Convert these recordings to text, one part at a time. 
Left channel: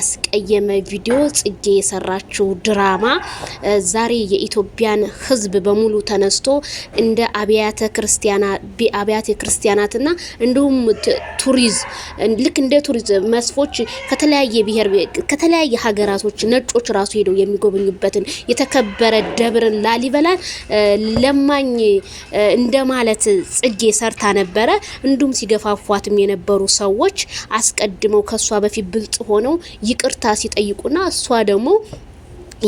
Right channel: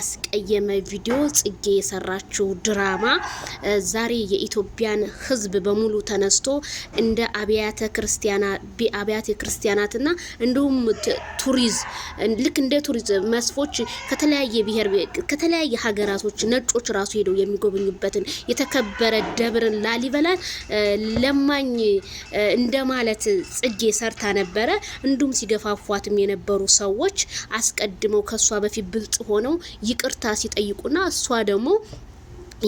አስቀየመ ቪዲዮ ጽጌ የሰራችው ድራማ ዛሬ የኢትዮጵያን ሕዝብ በሙሉ ተነስቶ እንደ አብያተ ክርስቲያናትና እንዲሁም ልክ እንደ ቱሪዝም መስፎች ከተለያየ ሀገራቶች ነጮች ራሱ ሄደው የሚጎበኙበትን የተከበረ ደብርን ላሊበላን ለማኝ እንደማለት ጽጌ ሰርታ ነበረ። እንዲሁም ሲገፋፏትም የነበሩ ሰዎች አስቀድመው ከሷ በፊት ብልጥ ሆነው ይቅርታ ሲጠይቁና እሷ ደግሞ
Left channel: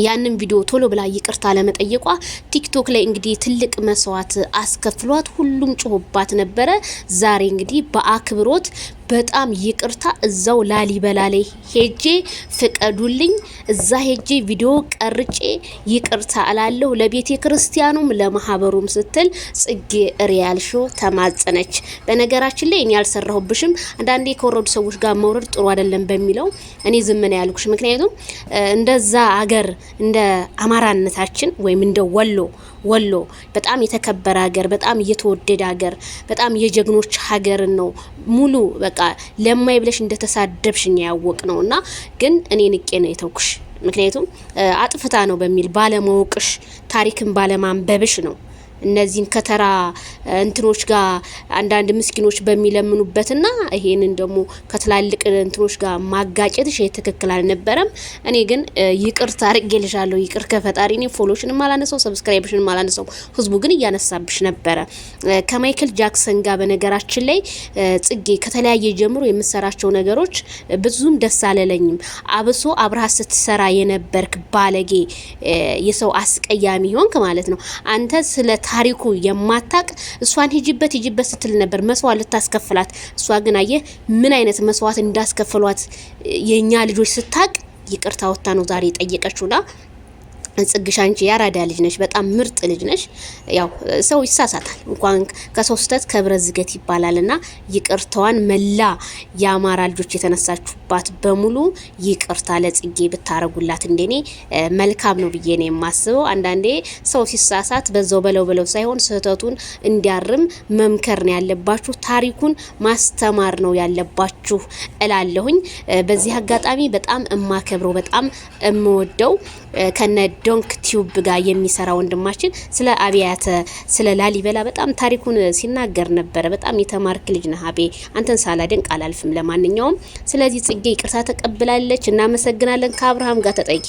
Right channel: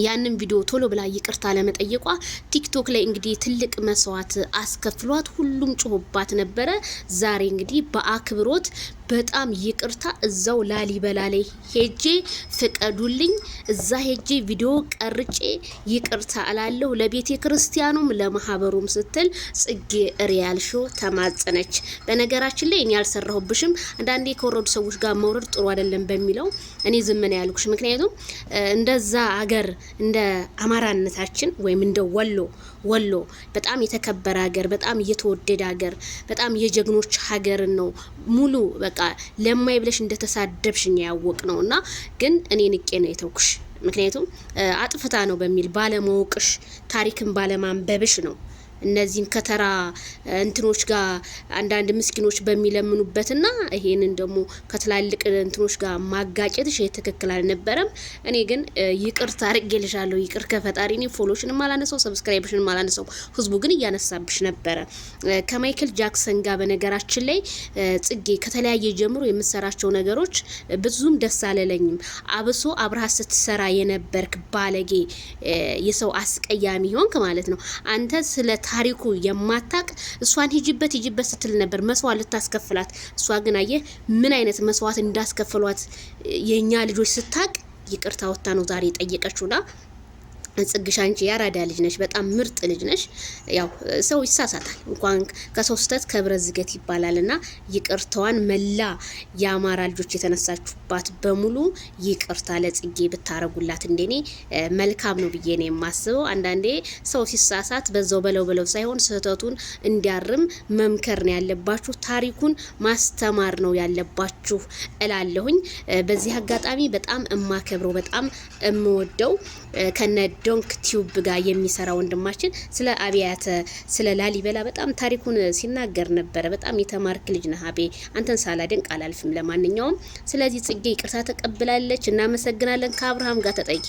ያንን ቪዲዮ ቶሎ ብላ ይቅርታ ለመጠየቋ ቲክቶክ ላይ እንግዲህ ትልቅ መስዋዕት አስከፍሏት ሁሉም ጮህባት ነበረ። ዛሬ እንግዲህ በአክብሮት በጣም ይቅርታ እዛው ላሊበላ ላይ ሄጄ ፍቀዱልኝ እዛ ሄጄ ቪዲዮ ቀርጬ ይቅርታ አላለሁ ለቤተ ክርስቲያኑም ለማህበሩም ስትል ጽጌ ሪያል ሾው ተማጸነች። በነገራችን ላይ እኔ ያልሰራሁብሽም አንዳንዴ ከወረዱ ሰዎች ጋር መውረድ ጥሩ አይደለም በሚለው እኔ ዝም ነው ያልኩሽ። ምክንያቱም እንደዛ አገር እንደ አማራነታችን ወይም እንደ ወሎ በጣም የተከበረ ሀገር፣ በጣም የተወደደ ሀገር፣ በጣም የጀግኖች ሀገር ነው ሙሉ በቃ ለማይ ብለሽ እንደተሳደብሽኝ ያወቅ ነውና ግን እኔ ንቄ ነው የተውኩሽ። ምክንያቱም አጥፍታ ነው በሚል ባለማወቅሽ ታሪክን ባለማንበብሽ ነው እነዚህን ከተራ እንትኖች ጋር አንዳንድ ምስኪኖች በሚለምኑበትና ይሄንን ደግሞ ከትላልቅ እንትኖች ጋር ማጋጨትሽ ትክክል አልነበረም። እኔ ግን ይቅርታ አድርጌልሻለሁ። ይቅር ከፈጣሪ እኔ ፎሎሽንም አላነሳው ሰብስክራይብሽንም አላነሳው። ህዝቡ ግን እያነሳብሽ ነበረ ከማይክል ጃክሰን ጋር። በነገራችን ላይ ጽጌ ከተለያየ ጀምሮ የምሰራቸው ነገሮች ብዙም ደስ አለለኝም። አብሶ አብርሃ ስትሰራ የነበርክ ባለጌ የሰው አስቀያሚ ሆንክ ማለት ነው። አንተ ስለ ታሪኩ የማታቅ እሷን ሂጂበት ስትል ነበር መስዋዕት ልታስከፍላት። እሷ ግን አየ ምን አይነት መስዋዕት እንዳስከፈሏት የኛ ልጆች ስታቅ ይቅርታ ወጣ ነው ዛሬ ጠየቀችውና ጽግሽ አንቺ ያራዳ ልጅ ነሽ፣ በጣም ምርጥ ልጅ ነሽ። ያው ሰው ይሳሳታል እንኳን ከሰው ስተት ከብረት ዝገት ይባላልና ይቅርታዋን መላ የአማራ ልጆች የተነሳችሁባት በሙሉ ይቅርታ ለጽጌ ብታረጉላት እንደኔ መልካም ነው ብዬ ነው የማስበው። አንዳንዴ ሰው ሲሳሳት በዛው በለው ሳይሆን ስህተቱን እንዲያርም መምከር ነው ያለባችሁ፣ ታሪኩን ማስተማር ነው ያለባችሁ እላለሁኝ። በዚህ አጋጣሚ በጣም እማከብረው በጣም እምወደው ከነ ዶንክ ቲዩብ ጋር የሚሰራ ወንድማችን ስለ ላሊበላ በጣም ታሪኩን ሲናገር ነበር። በጣም የተማርክ ልጅ ነህ አቤ፣ አንተን ሳላደንቅ አላልፍም። ለማንኛውም ስለዚህ ጽጌ ይቅርታ ተቀብላለች። እናመሰግናለን። ከአብርሃም ጋር ተጠይቂ